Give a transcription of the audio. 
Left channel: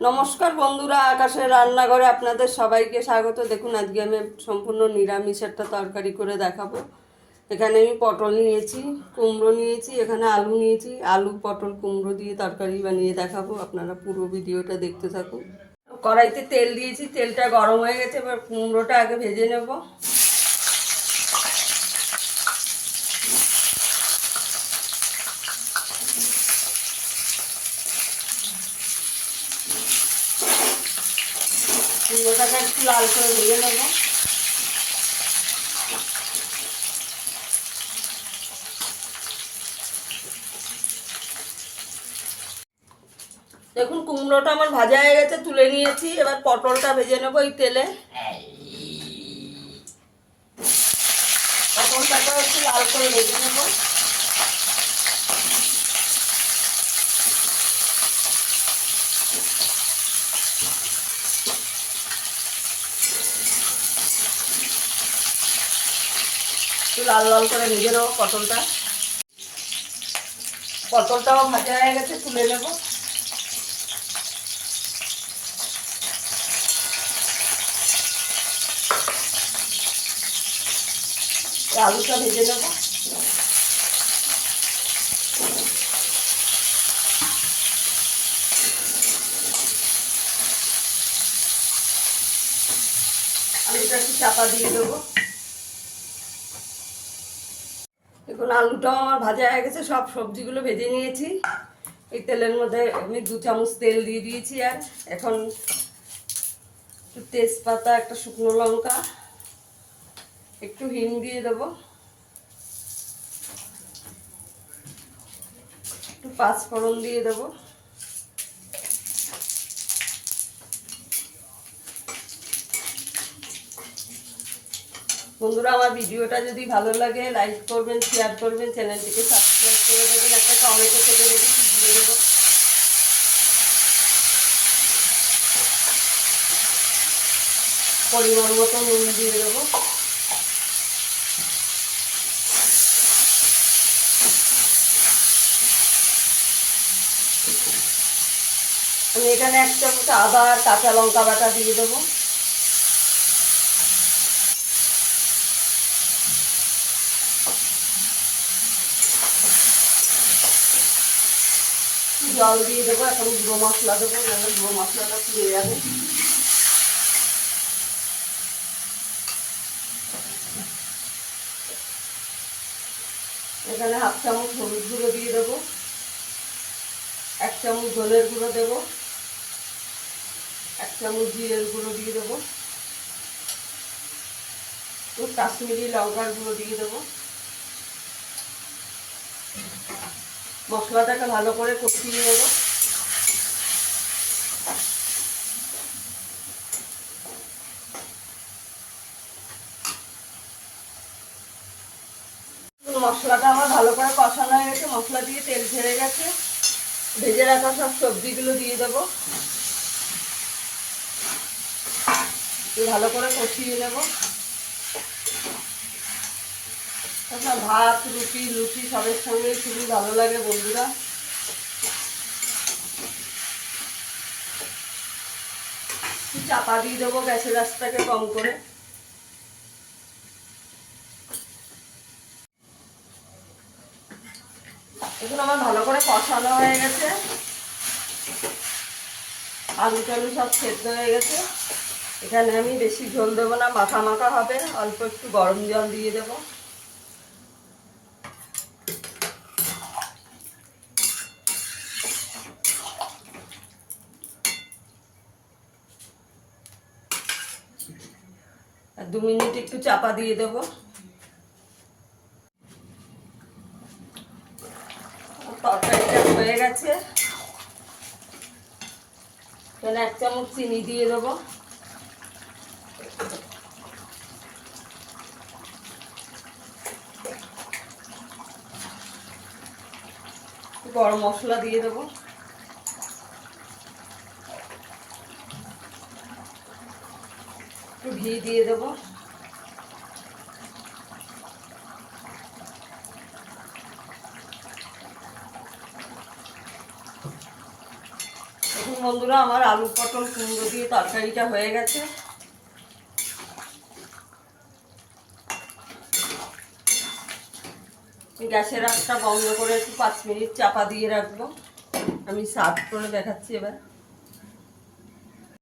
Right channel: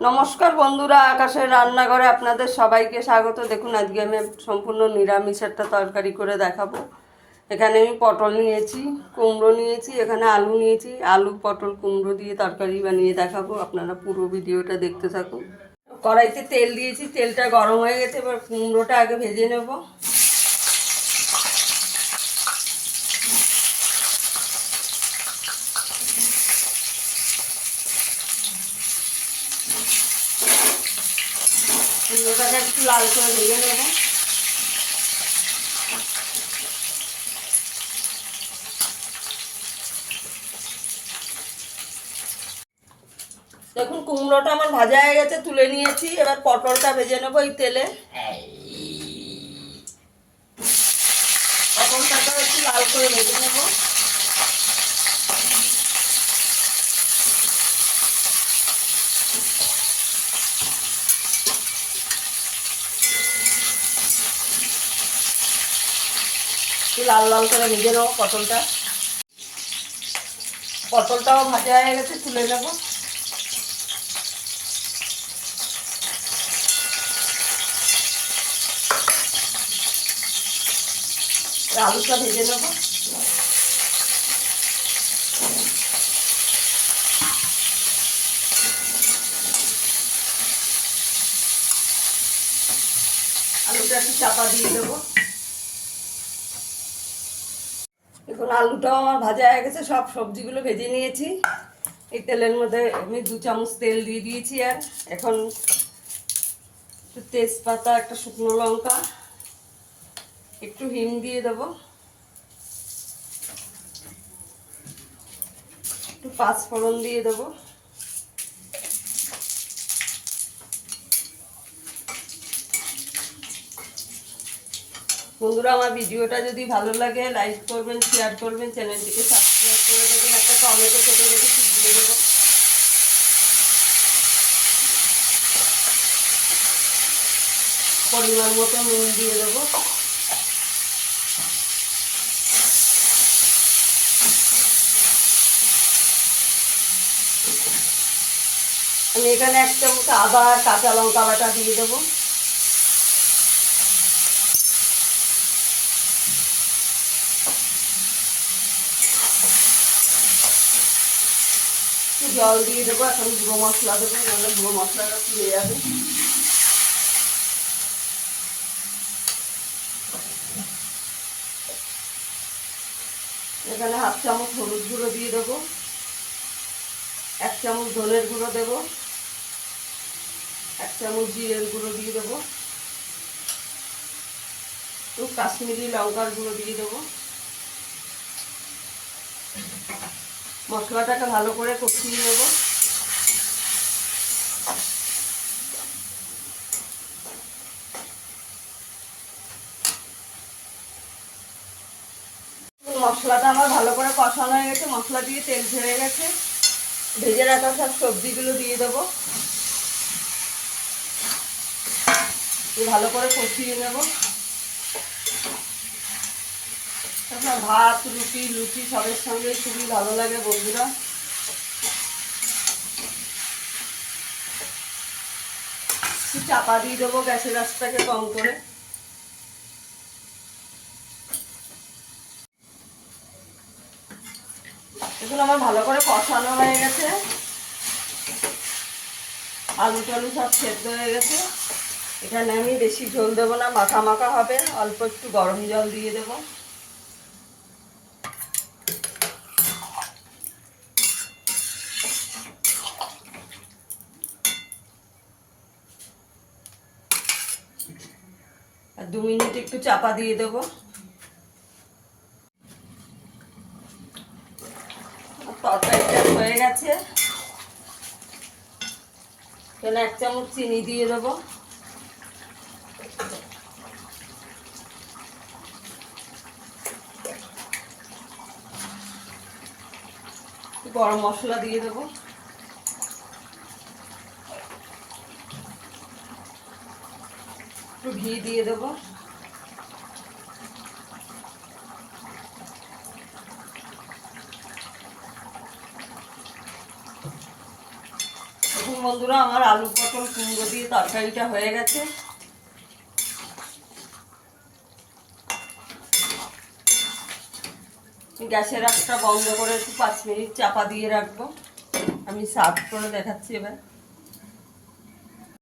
নমস্কার বন্ধুরা, আকাশের রান্নাঘরে আপনাদের সবাইকে স্বাগত। দেখুন, আজকে আমি সম্পূর্ণ নিরামিষ একটা তরকারি করে দেখাবো। এখানে আমি পটল নিয়েছি, কুমড়ো নিয়েছি, এখানে আলু নিয়েছি। আলু পটল কুমড়ো দিয়ে তরকারি বানিয়ে দেখাবো। আপনারা পুরো ভিডিওটা দেখতে থাকুন। কড়াইতে তেল দিয়েছি, তেলটা গরম হয়ে গেছে। এবার কুমড়োটা আগে ভেজে নেব। কুমড়োটাকে একটু লাল করে ভেজে নেব। দেখুন, কুমড়োটা আমার ভাজা হয়ে গেছে, তুলে নিয়েছি। এবার পটলটা ভেজে নেবো এই তেলে। পটলটাকে একটু লাল করে ভেজে নেবো। একটু লাল লাল করে ভেজে নেবো পটলটা। পটলটাও ভাজা হয়ে গেছে, তুলে নেবো। আলুটা ভেজে নেবো। আলুটা একটু চাপা দিয়ে দেবো। দেখুন, আলুটাও আমার ভাজা হয়ে গেছে, সব সবজিগুলো ভেজে নিয়েছি। এই তেলের মধ্যে আমি 2 চামচ তেল দিয়ে দিয়েছি। আর এখন একটু তেজপাতা, একটা শুকনো লঙ্কা, একটু হিং দিয়ে দেবো, একটু 5 ফোড়ন দিয়ে দেবো। বন্ধুরা, আমার ভিডিওটা যদি ভালো লাগে লাইক করবেন, শেয়ার করবেন, চ্যানেলটিকে সাবস্ক্রাইব করে দেবেন। একটা টমেটো কেটে রেখেছি, দিয়ে দেবো। পরিমাণ মতো নুন দিয়ে দেবো। আমি এখানে 1 চামচ আদা আর কাঁচা লঙ্কা বাটা দিয়ে দেবো। জল দিয়ে দেবো। এখন গুঁড়ো মশলা দেবো, নাহলে গুঁড়ো মশলাটা পুড়ে যাবে। এখানে 1/2 চামচ হলুদ গুঁড়ো দিয়ে দেবো, 1 চামচ ধনের গুঁড়ো দেবো, 1 চামচ জিরের গুঁড়ো দিয়ে দেবো, তো কাশ্মীরি লঙ্কার গুঁড়ো দিয়ে দেবো। মশলাটাকে ভালো করে কষিয়ে নেব। মশলাটা আমার ভালো করে কষানো হয়ে গেছে, মশলা দিয়ে তেল ছেড়ে গেছে। ভেজে রাখা সব সবজিগুলো দিয়ে দেবো, ভালো করে কষিয়ে নেব। ভাত, রুটি, লুচি সবের সঙ্গে খুবই ভালো লাগে বন্ধুরা। একটু চাপা দিয়ে দেবো, গ্যাসের আঁচটাকে কম করে। এগুলো আমার ভালো করে কষানো হয়ে গেছে, আলু টালু সব সেদ্ধ হয়ে গেছে। এখানে আমি বেশি ঝোল দেবো না, মাখা মাখা হবে। অল্প একটু গরম জল দিয়ে দেবো। আর 2 মিনিট একটু চাপা দিয়ে দেবো। তরকারিটা হয়ে গেছে। এখানে 1 চামচ চিনি দিয়ে দেবো। গরম মশলা দিয়ে দেবো। একটু ঘি দিয়ে দেবো। বন্ধুরা, আমার আলু পটল কুমড়ো দিয়ে তরকারিটা হয়ে গেছে। গ্যাসের আঁচটা বন্ধ করে একটু 5 মিনিট চাপা দিয়ে রাখবো। আমি সার্ভ করে দেখাচ্ছি এবার।